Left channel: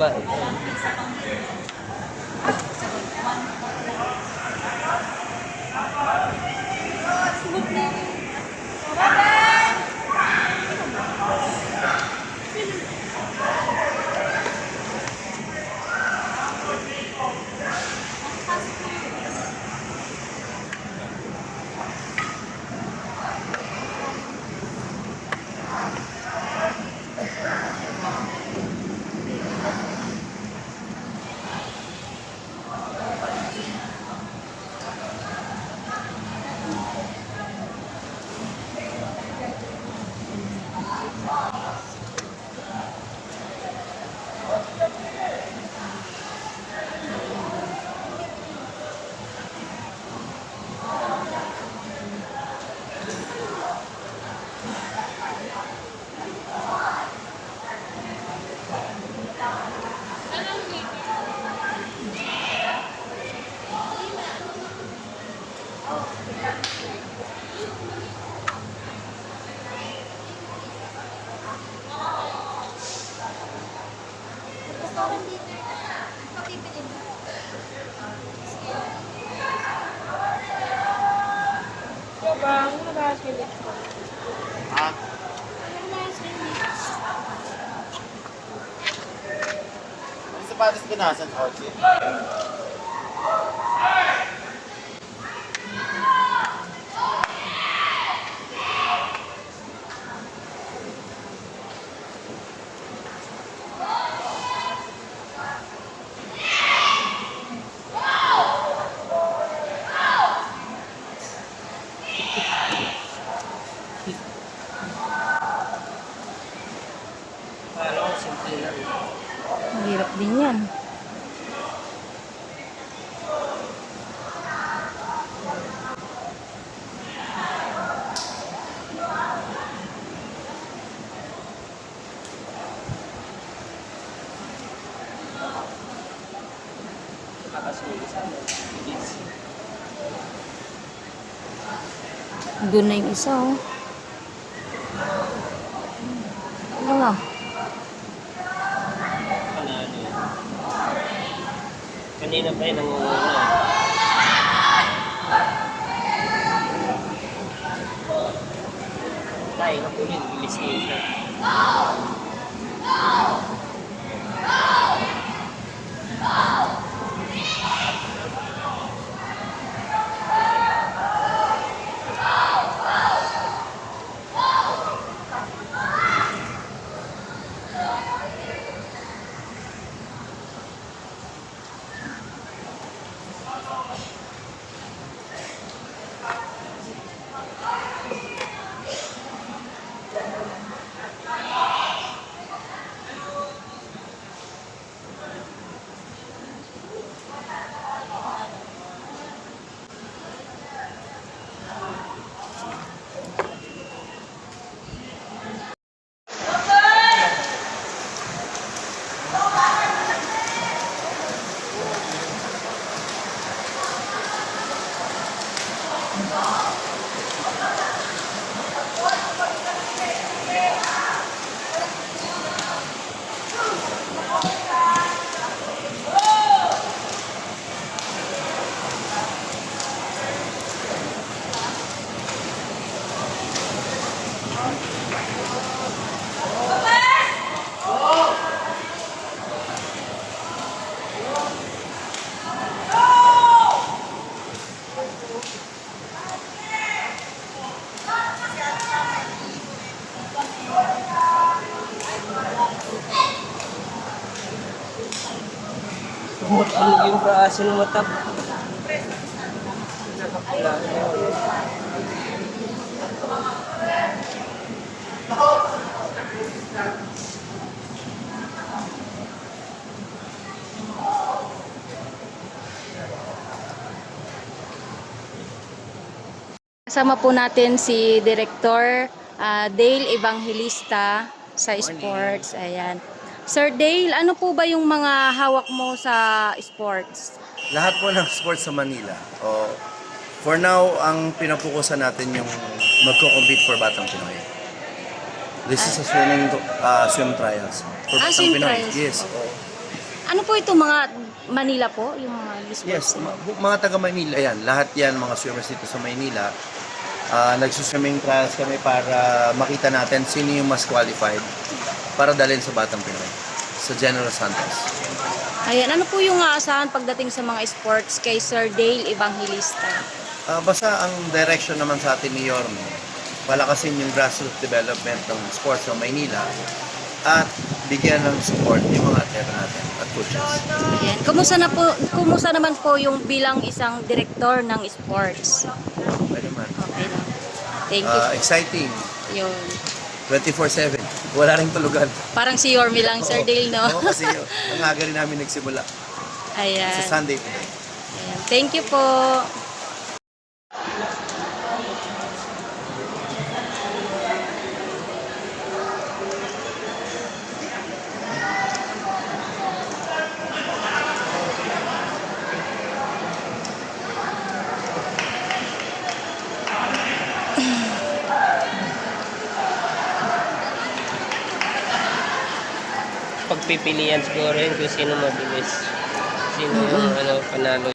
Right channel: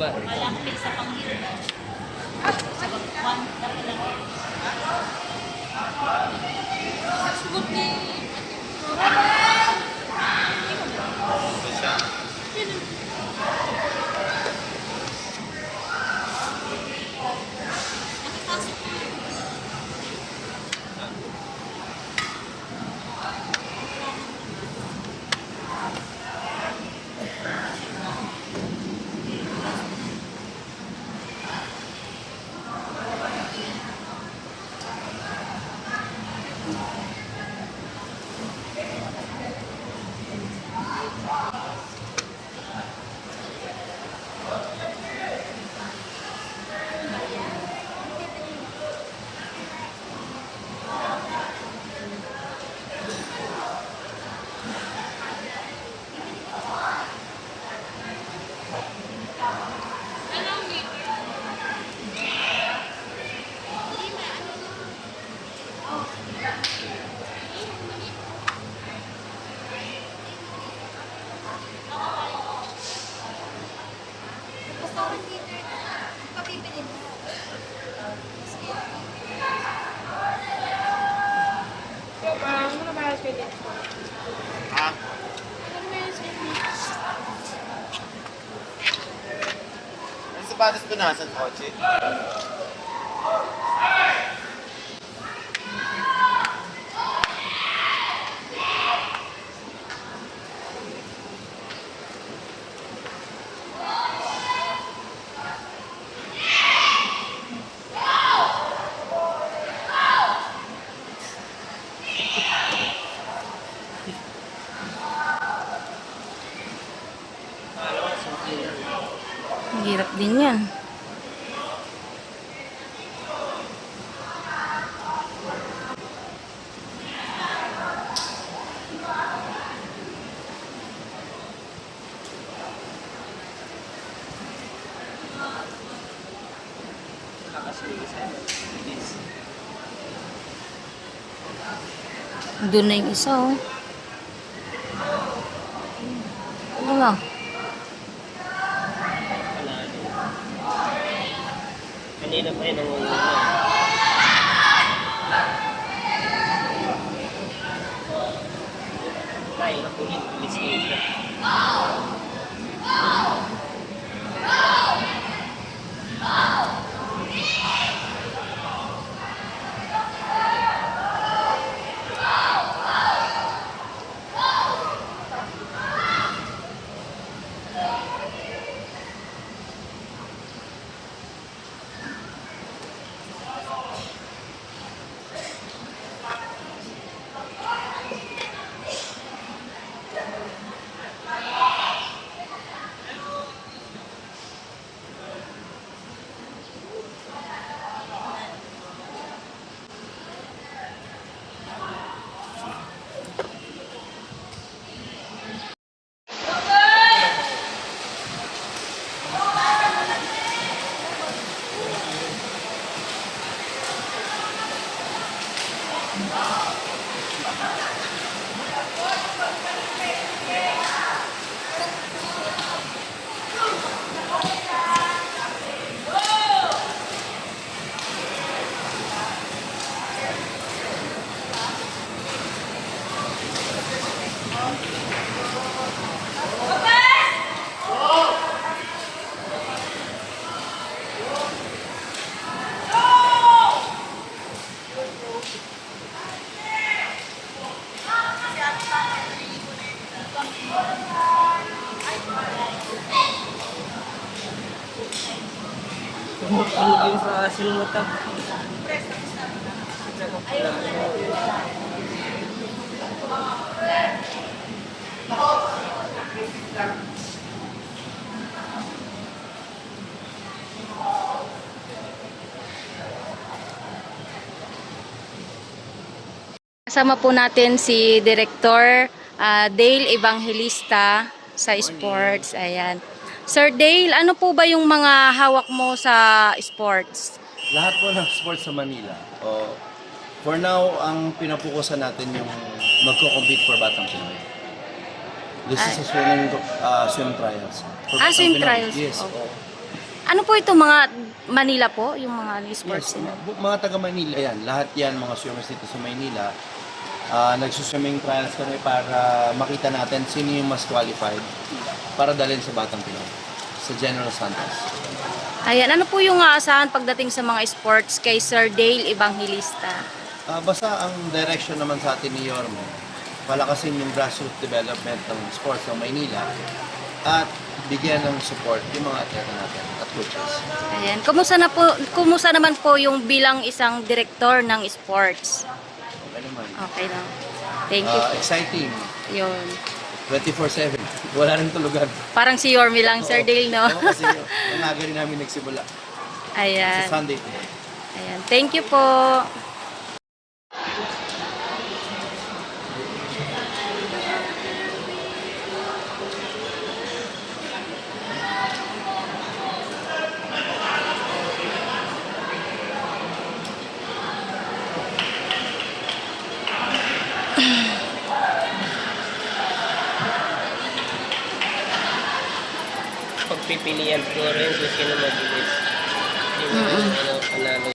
Malapit sa Panginoon. Sa one Sugot ni Ang sapatos ko nasa kotse. Mahirap din yan. Doon na yung isa, oh. Ano nga? Kanina pa yun ang tayo na pulit, bilis nito. Ano yung sa sinumatap? Kasama po natin si Director Dale Evangelista sa sports. Ayan. Sir Dale, ano po ba yung mga hawak mo sa sports? Lahat po ng sports sa Manila. For now, ang pinapukusan natin yung magko-compete for Batang Pinoy. This is a swim trials. For Batang swim Pinoy. trials. Yes. Okay. Ano po ito, mga Manila po? Yung mga Yes, sports? mga taga Maynila yan. Lahat yan, mga swimmers dito sa Maynila. Nagsuswimming trials kami para makita natin sino yung mas qualified para dalhin sa Batang Pinoy, sa General Santos. Ayan, ano po yung aasahan pagdating sa mga sports kay Sir Dale Evangelista? Basta ang direction naman sa atin ni Yorme, palakasin yung grassroots development ng sports ng Maynila at bigyan ng support yung mga atleta natin at coaches. Ayan, kumusta naman po yung bilang isang direktor ng sports? Okay naman. Okay lang. Thank you. Exciting. Yun. 24/7. Wala rin tulugan. Parang si Yorme lang, Sir Dale, no? Oo, kasi ang aga rin namin nagsimula. Ayan. Sa Sunday today. Ayan. Thank you po. Pagpipilian siguro yun kung sino mabilis. Sino panalo.